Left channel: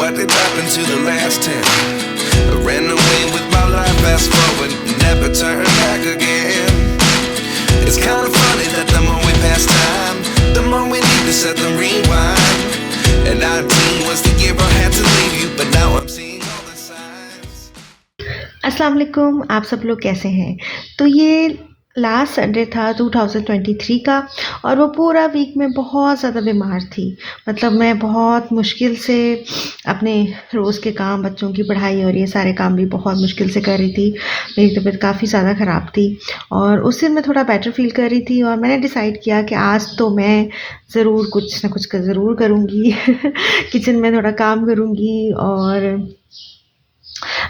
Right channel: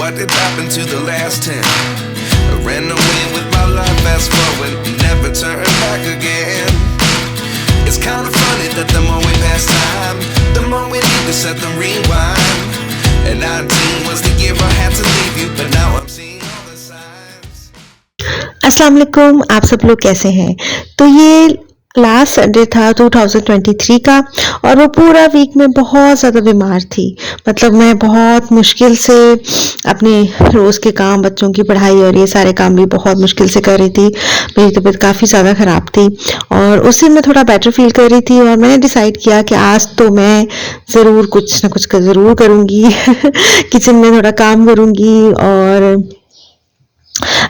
What did happen to the last 10? I ran away with my life, fast forward, never turn back again. It's kind of funny that the more we pass time, the more we need to set them rewind. And 19 was the year I had to leave you, but now I'm seeing all the signs. अस्सलाम वालेकुम, आप सब लोग कैसे हैं। तो ये last Sunday था 2023 का और वो पूरा वीक में बहुत ज़्यादा बीमार थी। मतलब मैं बहुत मुश्किल से अपने रोज़ के काम, बच्चों की पढ़ाई और ये सारे काम भी बहुत मुश्किल से कर रही थी। मेरी तबीयत काफ़ी ज़्यादा ख़राब थी और उस दिन मैं थोड़ा बेटर फ़ील कर रही थी और मैंने डिसाइड किया कि आज तो मैं ज़रूर कुछ ना कुछ ज़रूर करूँगी किचन में थोड़ा काम करूँगी और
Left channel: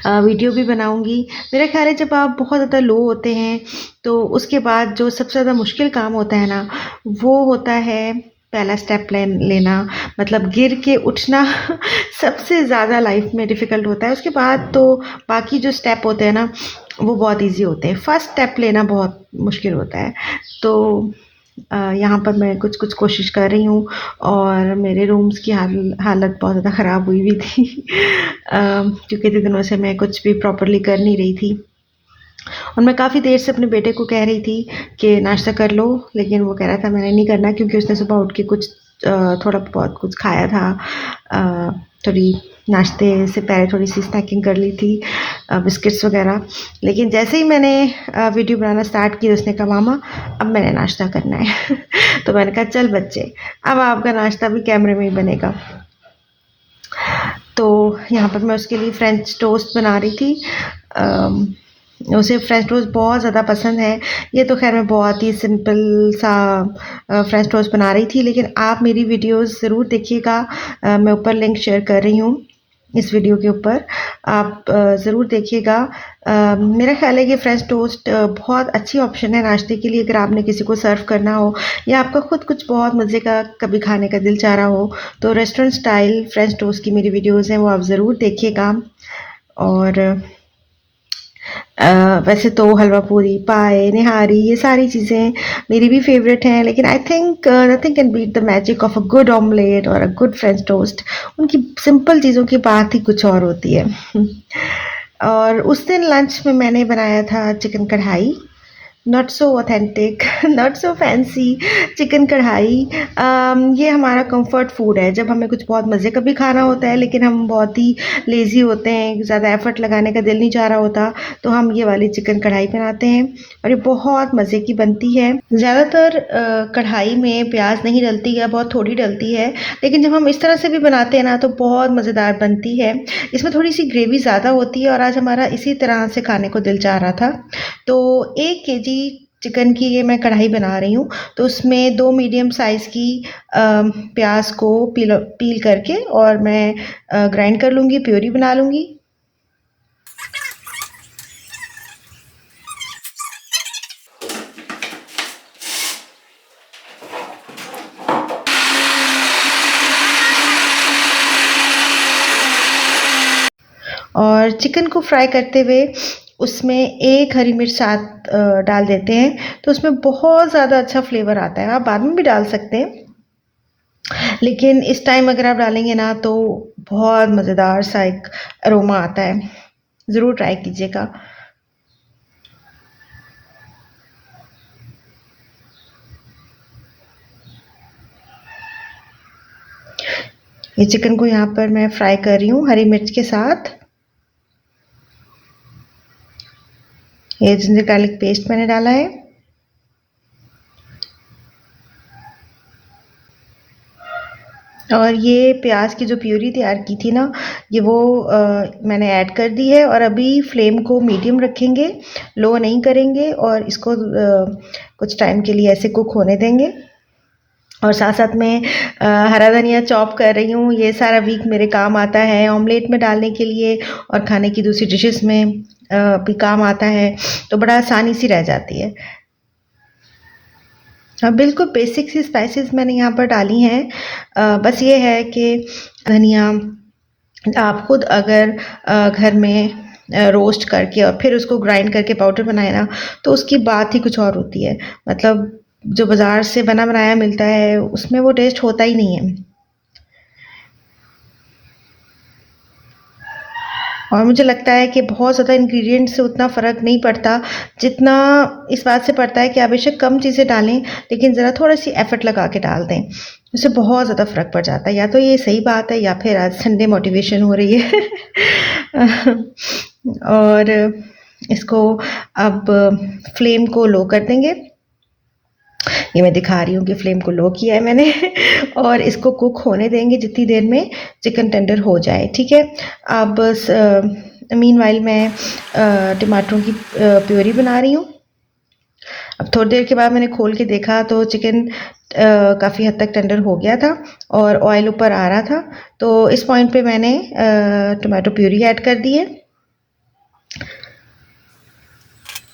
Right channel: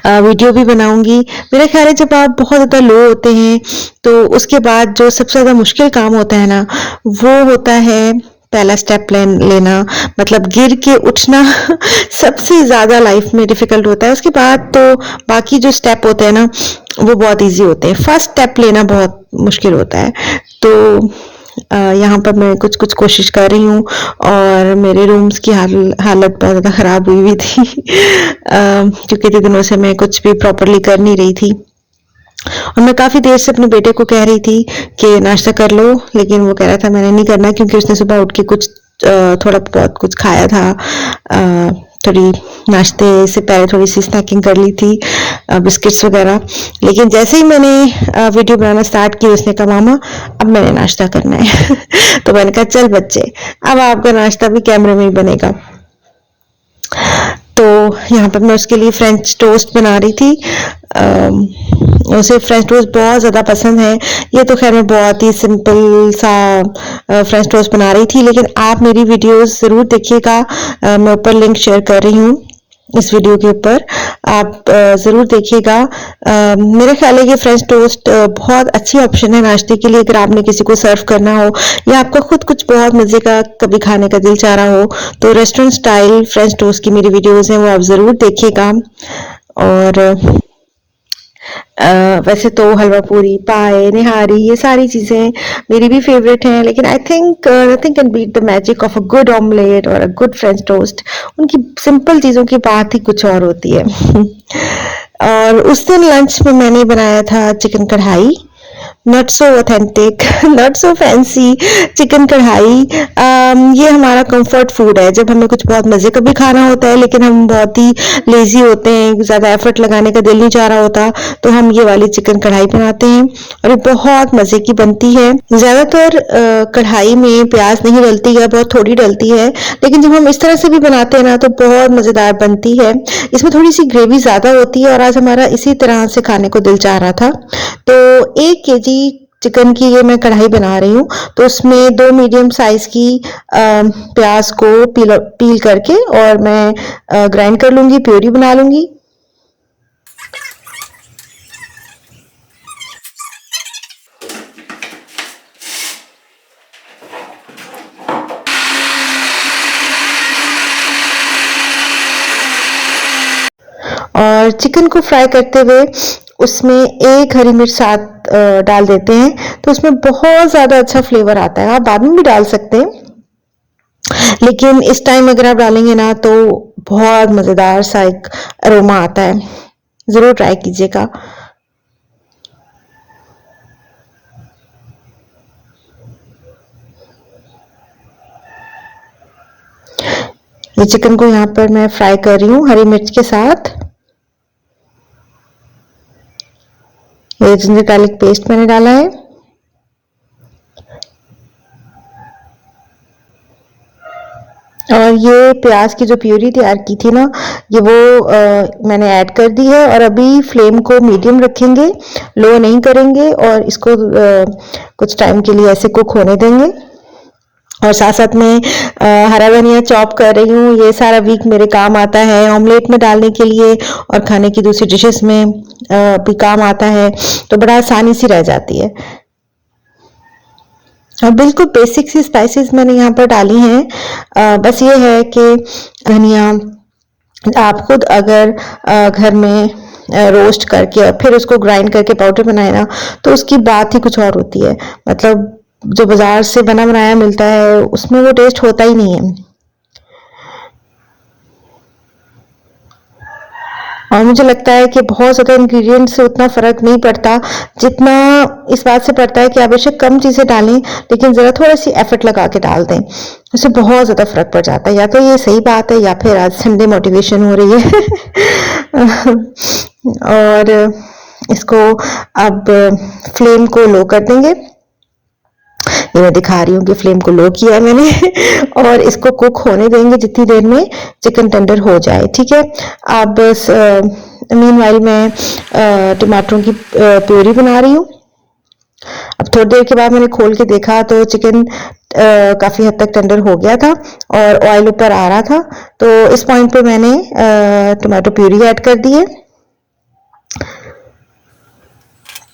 वीडियो भी बनाऊंगी। मेरा ख्याल है जब आप बहुत ज़्यादा लो होते हैं तो उसके बाद जो सबसे ज़्यादा मुश्किल काम होता है ना, वो होता है पहला स्टेप लेना, मतलब गिर के उठना सबसे ज़्यादा लाइफ में डिफ़िकल्ट होता है। उसके बाद तो बाकी जो स्टेप होते हैं ना, वो बहुत ईजी होते हैं। फर्स्ट स्टेप लेना बहुत मुश्किल होता है। तो यहाँ पर मैं कुछ कोशिश कर रही हूँ और मेरे रूम्स की हालत बहुत ज़्यादा ख़राब हुई थी क्योंकि इतने दिनों से मैं कुछ भी प्रॉपरली कर नहीं रही थी और मैं काफ़ी देर से अपने बेटे को कह रही थी कि नाश्ता कर लो, लेकिन वो कह रहा था मैंने नहीं करना क्योंकि उसने सुबह उठ के कुछ थोड़ा बहुत कुछ खाया था। थोड़ी नाश्ते से पहले थोड़ी सी स्नैकिंग कर ली थी, बिस्किट्स वगैरह। लेकिन जैसे ही मैंने वीडियो बनाना स्टार्ट की उसने कहा मामा अब मैंने नाश्ता करना है तो मैंने कहा चल बच्चे, अब आपका नाश्ता भी कैमरे में ही बनेगा। तो यहाँ पर मैं उसके लिए फ्रेंच टोस्ट बना रही थी। उसे फ्रेंच टोस्ट बहुत ज़्यादा पसंद है। ये तो खैर मैं बहुत ही सिंपल सा फ्रेंच टोस्ट बना रही थी, लेकिन आप मेरी वीडियोस ज़रूर देखिएगा। मैं ऊपर लिंक शेयर कर रही हूँ इस वीडियो के ऊपर, आप ज़रूर देखिएगा। मेरा ख्याल है कि फ्रेंच टोस्ट बहुत अच्छी ऑप्शन है नाश्ते के लिए, अगर आपने किसी को सर्व करना हो या आपका खुद कुछ बहुत मज़े का कभी खाने का दिल चाह रहा हो, तो रेस्टोरेंट स्टाइल फ्रेंच टोस्ट की मेरी वीडियोस हैं, वो आप ज़रूर देखिएगा। और वैसे तो हलवा पूरी, पाए, निहारी ये सारी चीज़ें मेरी भी फेवरेट हैं, लेकिन I think nothing can beat the magic of a good omelette और अ गुड फ्रेंच टोस्ट। उनकी सिंपल चीज़ों की बात ही कुछ और होती है और उस दिन लंच में मैंने बनाया था चिकन कढ़ाई, not so authentic not so fancy chicken कढ़ाई। ये हमारा कंफर्ट फूड है जब हमें कुछ बहुत मज़े का भी खाना होता है, लेकिन हम बहुत ही लेजी होते हैं, ज़्यादा एफर्ट लगाने का दिल नहीं चाह रहा होता, तो हम ये वाली चिकन कढ़ाई बनाते हैं और ये बहुत मज़े की बनती है। ज़्यादातर कढ़ाई में प्याज नहीं डलती है, बहुत थोड़ी डलती है, लेकिन जब हम इस तरह से भी बनाते हैं ना तो बहुत मज़ेदार बनती है। इसमें थोड़ी सी ग्रेवी ज़्यादा होती है और आज हमारा इसी तरह से खाने को दिल चाह रहा था, तो 1 केजी चिकन की ये मैं कढ़ाई बना रही हूँ। तो उसमें 2 मीडियम साइज की प्याज को पील करके और मैं ग्राइंड कर लूँगी, प्यूरी बना लूँगी। और चिकन को फ्राई करते हुए उसमें 1 हरी मिर्च साथ डाल देते हैं, तो उसमें बहुत ज़्यादा अच्छा फ्लेवर आता है। आप बाद में भी डाल सकते हैं, लेकिन इस टाइम अगर आप डालेंगे ना तो बहुत मज़ेदार सा एक अरोमा आता है। ज़रूर ट्राई कीजिएगा। ये चिकन को यहाँ पर मैं फ्राई कर रही हूँ हरी मिर्च के साथ। ये जिंजर गार्लिक पेस्ट मैंने डाला है और ये प्याज की जो प्यूरी तैयार की थी ना, ये वो मैंने ऐड कर दी है और अभी फ्लेम को मीडियम रखेंगे, लो नहीं करेंगे और इसको कुछ टाइम के लिए ऐसे कुक होने देंगे। और साथ साथ में हरा धनिया चॉप कर रही हूँ। ये सारा वीक मेरे काम आता है, ऑमलेट में डालने के लिए और खाने की दूसरी डिशेस में भी काम आता है, तो बड़ा आसानी सी रह जाती है। और बिल्कुल बेसिक सी स्पाइसेस मैंने यहाँ पर डाली हैं। बस ये है कि धनिया आप खुद अगर घर में रोस्ट करके और फिर उसको ग्राइंड करके पाउडर बनाए ना, तो उसकी बात ही कुछ और होती है। मतलब जो बाजार से बना बनाया मिलता है उसमें वो टेस्ट होता ही नहीं है। और मुझे लगता है कि बहुत ज़्यादा इंग्रेडिएंट्स से उतना फ़र्क नहीं पड़ता, जितना इस बात से पड़ता है कि आप बेशक कम चीज़ें डालें, लेकिन ज़रा थोड़ा-सी एफ़र्ट लगा के डाल दें। उससे बहुत ज़्यादा फ़र्क पड़ जाता है। या तो ये सही बात है या फिर आज संडे मोटिवेशन हो रही है। और इसको अब फ्लेम को लो कर देंगे। ये मैं दिखा रही हूँ कि फ्लेम को लो किया है मैंने। और इसको कुक होने देंगे जितनी देर में चिकन टेंडर हो जाए, ठीक है। अब मीनवाइल मैं टमाटरों की प्यूरी बना रही हूँ। अब थोड़ी देर के बाद मैंने खोल के देखा तो चिकन काफ़ी हद तक टेंडर हो गया था और ऑयल ऊपर आ रहा था। तो इस पॉइंट पे मैंने टमाटो प्यूरी ऐड कर दी है।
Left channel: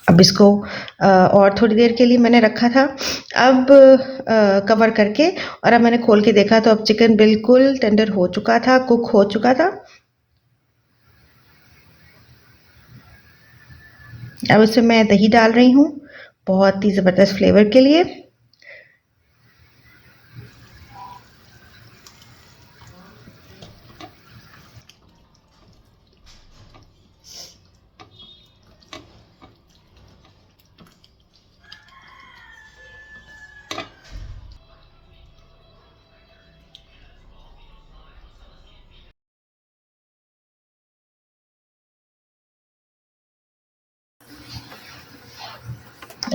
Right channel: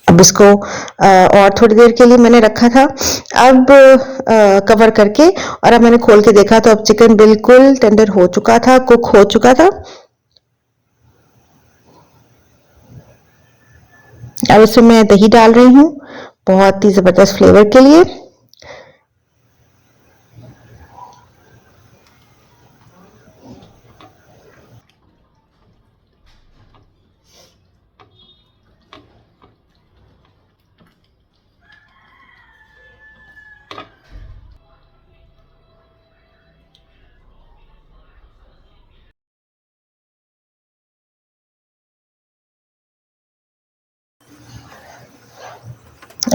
अब इसको और थोड़ी देर के लिए मैंने रखा था। अब कवर करके और अब मैंने खोल के देखा तो अब चिकन बिल्कुल टेंडर हो चुका था, कुक हो चुका था। अब इसमें मैं दही डाल रही हूँ बहुत ही ज़बरदस्त फ्लेवर के लिए।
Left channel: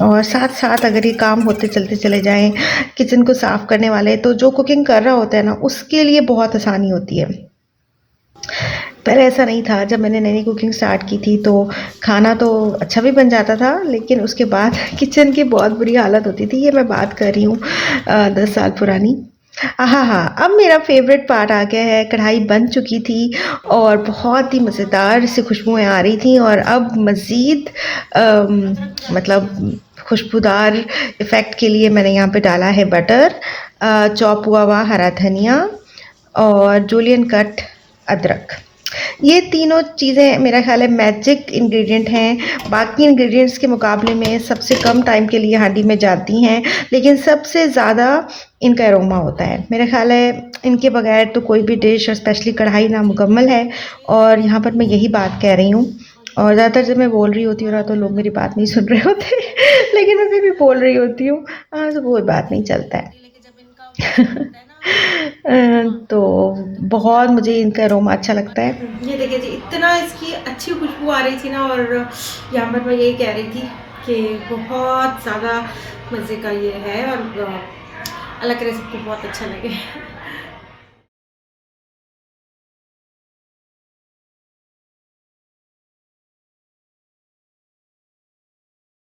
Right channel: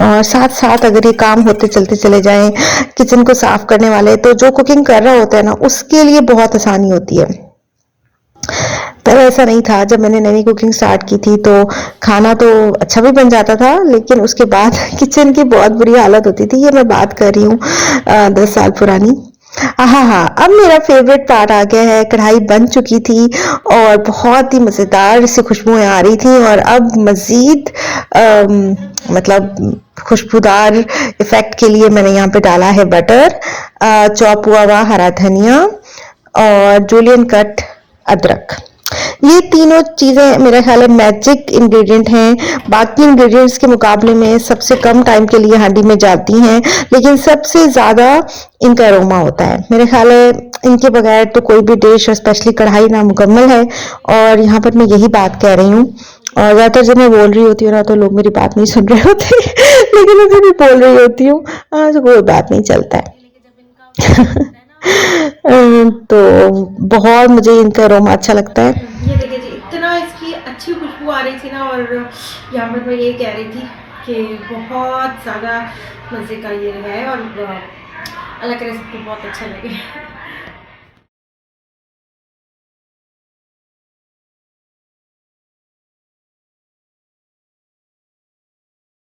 और साथ साथ अगर ये काम होते चलते चले जाएं, किचन को साफ करने वाले, तो जो कुकिंग कर रहा होता है ना, उसके लिए बहुत आसानी होती है। पर ऐसा नहीं था। जब मैंने नई कुकिंग स्टार्ट की थी तो खाना तो अच्छा भी बन जाता था, लेकिन उसके बाद किचन की बहुत बुरी हालत होती थी। ये मैं बात कर रही हूँ 10 साल पुरानी। हाँ हाँ, अब मेरा फेवरेट पार्ट आ गया है। कढ़ाई बन चुकी थी और बहुत ही मज़ेदार से खुशबुएं आ रही थी और अब मज़ीद मतलब खुशबूदार इफ़ेक्ट के लिए मैंने यहाँ पे डाला है बटर, चॉप हुआ हरा धनिया और जूलियन कट अदरक। ये तीनों चीज़ें मेरे ख्याल है मैजिक इंग्रेडिएंट हैं। बाकी इंग्रेडिएंट्स के मुकाबले में सबसे कम टाइम के लिए हांडी में जाती हैं, लेकिन सबसे ज़्यादा इनका अरोमा होता है। मेरे ख्याल है इनके बगैर तो कोई भी डिश और स्पेशली कढ़ाई नामुकम्मल है। और यहाँ पर मैं यही बात कह रही हूँ। और ज़्यादातर जब मैं बोल रही होती हूँ ना तो लोग मेरी बात नहीं सुन रहे होते। लेकिन मैं जब भी बोल रही होती हूँ तो कोई बात नहीं चलता है। तो बहुत मुझे इनका अरोमा अच्छा लगता है। ये देखिए जी, इतना इसकी अच्छी खुशबू आ रही थी ना, और यहाँ पर मैं यही कह रही थी कि बहुत ज़्यादा मज़े का ये है और अल्लाह करे सबको बहुत अच्छा लगे।